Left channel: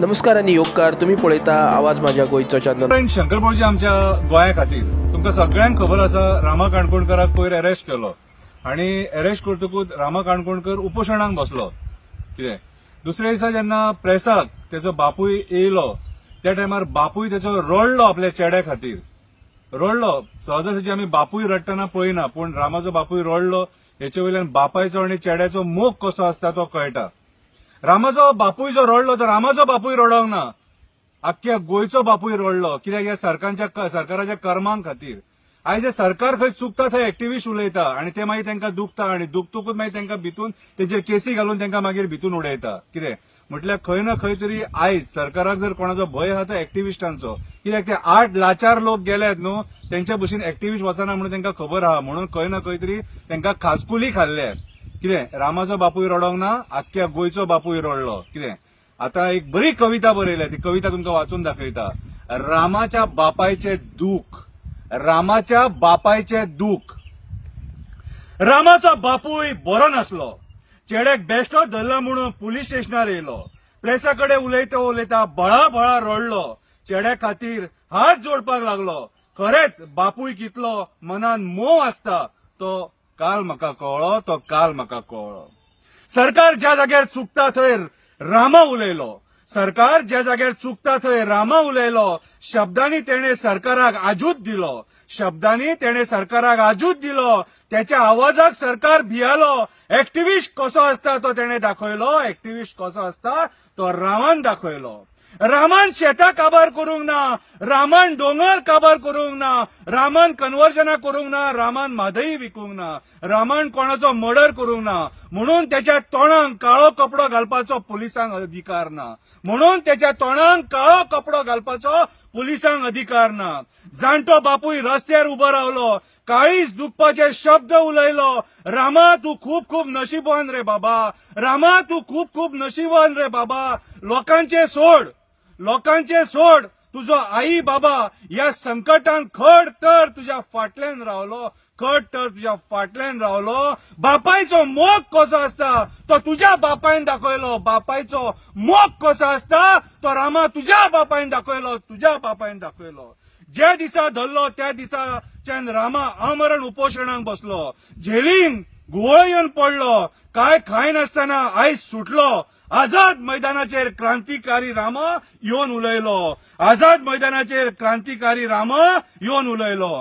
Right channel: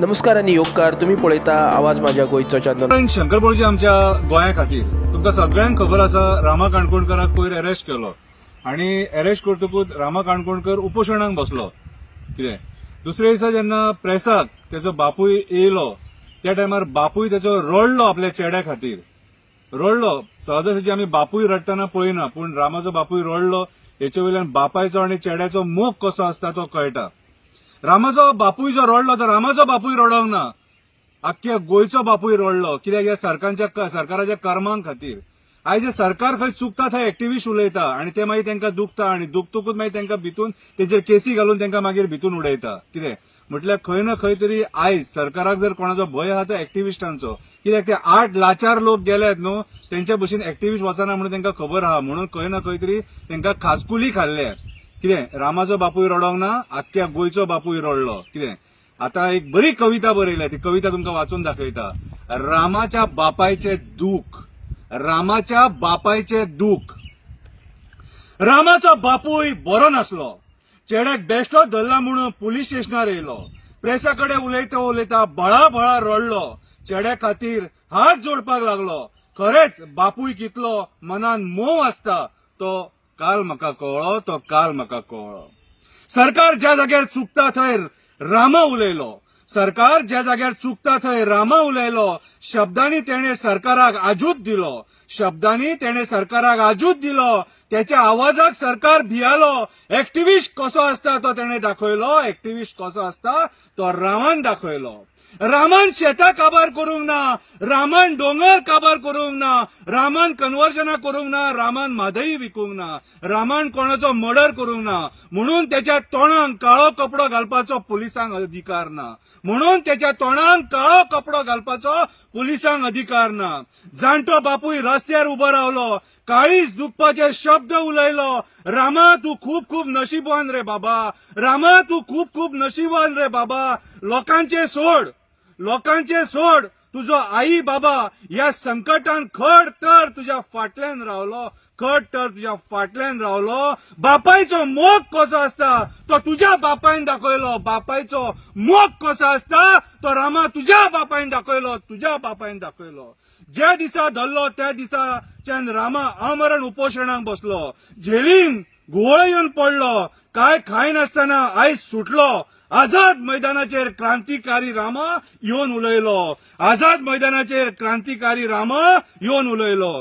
नमस्कार आणि योगकार तुम्ही पळयता आवाज माझ्या गोयचो चॅनल। शंकरपळजी आमच्या गोंया खातीर तुमकां सगळ्यांक खबर आसा, रामा काणकोणकराक पयर अरेस्ट केलो आणि अरेस्ट करतकूच रामा काणकोणकर उपोशणाक बसलो। कितें दुसऱ्या दिसा जेन्ना प्रेसाक तेजो बापूय येयलो त्या टायमार बापूय तेजो रडलो आपल्या चेड्या खातीर, रडलो। सहजासहजी आमी बापूय रडटना पळयना, पूण रामाचो बापूय रडलो। हेचे वयल्यान बापायचो आणि चेड्याचो मोग कसो आसता तो कळटा। रामाचो बापूय जो रडलो तो रामाचो बापूय रडोंक ना, आख्ख्या गोंयचो बापूय रडलो। कित्याक ह्या सरकाराच्या कर्मां खातीर आयज जे सरकार खंय चुकता थंय एक्टिव्हिस्ट उलयता आणि ते मागीर तांकां दुखता आणि दुखतकूच मागीर तांकां भितून तेजेर केसी घालून तांकां मागीर भितून उडयता। कितें म्हटल्यार खंय ना खंय तरी आयज सरकाराक जर कोणाचो भंय आहा तो एक्टिव्हिस्टांचो। कित्याक ते 8 लाचार लोक गेल्यात न्हू, तेंचे भशेन एक्टिव्हिस्ट वचना म्हणून तांकां खबर आहा, म्हणून खंय ना खंय तरी तांकां खाजकुली खाल्ल्या। कितें रामाचो बापूय रडोंक ना, आख्ख्या गोंयचो बापूय रडलो। कितें आता एक बरी कविता बरयल्या, ती कविता तुमकां वाचून दाखयता। रामाच्या बापायचे दूख, रामाच्या बापायचे दूख। रामाचो बापूय बरो नासलो, चेड्याक बेश्टोच धरला म्हणून पुलीस स्टेशनार येयलो। प्रेसा कडेन उलयता उलयता बळा रडलो, चेड्या खातीर हात जोडपाक लागलो। खरेंच बापूय कितलो मनान मोव आसता तो काल म्हाका कळ्ळो, तो काल म्हाका कळ्ळो। सरकार ज्या जाग्यार चुकता थंय रामा उलयलो, सरकार ज्या जाग्यार चुकता थंय रामा उलयलो। शब्दांनी तेणे सरकाराक आजूत दिलो, शब्दांनी तेणे सरकाराक आजूत दिलो। त्याच्या आवाजाक सरकार भियालो। एक्टिव्हिस्ट कसो आसता तो तेणे दाखयलो, एक्टिव्हिस्ट कसो आसता तो रामान दाखयलो। रामान शेतां काबार करूंक ना, रामान दोंगर काबार करूंक ना, रामान कन्वर्जनां करूंक ना, रामान म्हादई विकूंक ना, रामान कोणाचो मर्डर करूंक ना, म्हणून त्याच्या तोंडाक काळो कपडो घालपाचो पुलिसांक अधिकार ना, म्हणून त्याच्या तोंडाक काळो कपडो घालपाचो पुलिसांक अधिकार ना। जाणटो बापूय रस्त्यार उबो रावलो, काळीज दुखपाचे शब्द उलयलो। रामा तू खूब खूब नशीबवान रे बाबा, रामा तू खूब खूब नशीबवान रे बाबा। लोकांचे सोड, तुझो आई बाबा या संकटान खड तर तुझ्या फाटल्यान रावलो, खड तर तुझ्या फाटल्यान रावलो। बापायचो मोग कसो आसता तो तुझ्या बापायन दाखयलो, बापायचो मोग कसो आसता तो रामा तुझ्या बापायन दाखयलो, तुझ्या बापायन दाखयलो। ज्या दिसा धरलो त्या दिसाच्यान रामा आमरण उपोशणाक बसलो। जेलीन घुवळ येवन पडलो, काय खाय नासतना आयज सुटलो। आझाद मैदानाचेर क्रांतिकारी रामा येवन उलयलो, आझाद मैदानाचेर क्रांतिकारी रामा येवन उलयलो।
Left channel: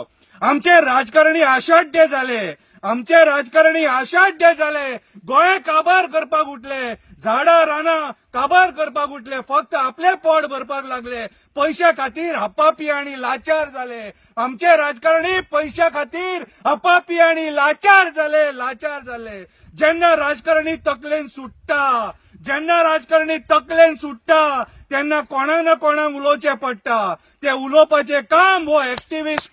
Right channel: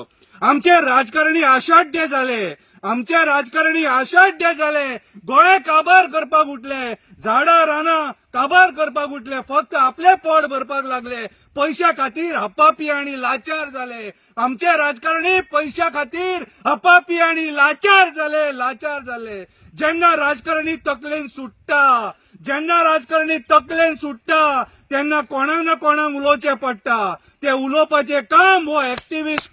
आमचे राजकारणी आशाढ्य जाले, आमचे राजकारणी आशाढ्य जाले। गोंय काबार करपाक उठले, झाडां रानां काबार करपाक उठले, फक्त आपले पोट भरपाक लागले। पैशा खातीर हप्पापी आणि लाचार जाले, आमचे राजकारणी पैशा खातीर हप्पापी आणि लाचार झाले। जेन्ना राजकारणी तकलेन सुट्टा, जेन्ना राजकारणी तकलेन सुट्टा तेन्ना कोणाक ना कोणाक उलोवचें पडटा। ते उलोवपाचें काम हो एक्टिव्हिस्ट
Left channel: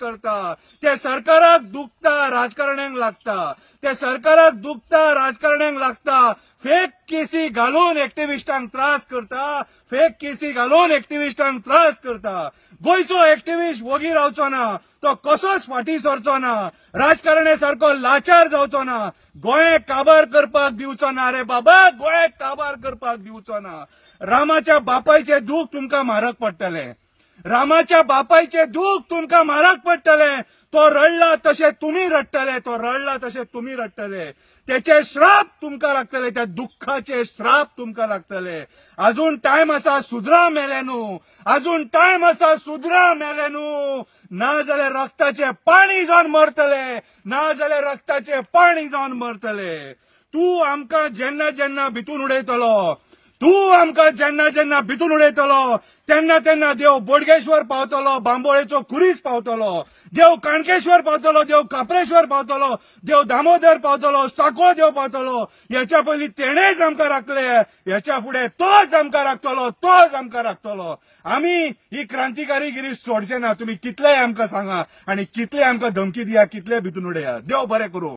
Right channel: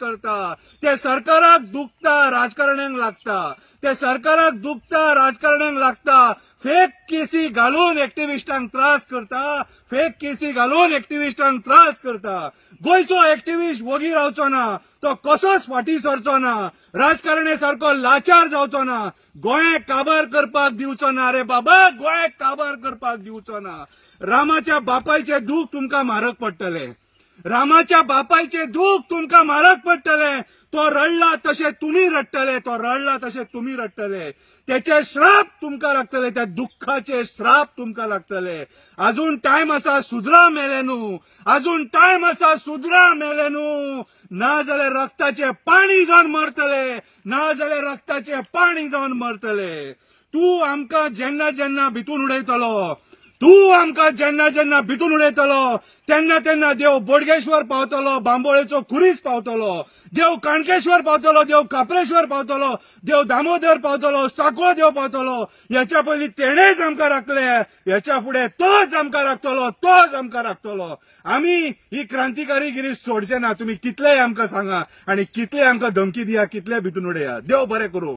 करता, ते सरकाराक दुखता राजकारण्यांक लागता, ते सरकाराक दुखता राजकारण्यांक लागता। फेक केसी घालून एक्टिव्हिस्टांक त्रास करता, फेक केसी घालून एक्टिव्हिस्टांक त्रास करता। गोंयचो एक्टिव्हिस्ट वोगी रावचो ना, तो कसोच फाटी सरचो ना, राजकारणे सारको लाचार जावचो ना, गोंय काबार करपाक दिवचो ना रे बाबा, गोंय काबार करपाक दिवचो ना। रामाच्या बापायचे दूख तुमकां म्हारग पडटले, रामाच्या बापायचे दूख तुमकां म्हारग पडटले। तो रडला तशें तुमी रडटले, तो रडला तशें तुमी रडटले। त्याचे श्राप तुमकां लागतले, त्या दुःखाचे श्राप तुमकां लागतले। अजून टायम आसा सुधरा मेले न्हू, अजून टायम आसा सुधरा मेले न्हू। ना जाल्यार रक्ताचे पाणी जावन मरतले, ना जाल्यार रक्ताचे पाणी जावन मरतले। तू आमकां जेन्ना जेन्ना भितून उडयतलो, तू आमकां जेन्ना जेन्ना भितून उडयतलो तेन्ना तेन्ना देव बोडगेश्वर पावतलो, बांबोळेचो खुरीस पावतलो, देव काणकेश्वर पावतलो, देव काप्रेश्वर पावतलो, देव दामोदर पावतलो, साकवाळ देव पावतलो। ह्याच्या पयलीं तेणेच आमकां राखले, ह्याच्या फुडें तोच आमकां राखतलो। आमी ही क्रांतिकारीगिरी सोडचे ना। तुम्ही कितलेय आमकां सांगा आणि कितले आमकां धमकी दिया, कितले भितून उडया। देव बरें करूं।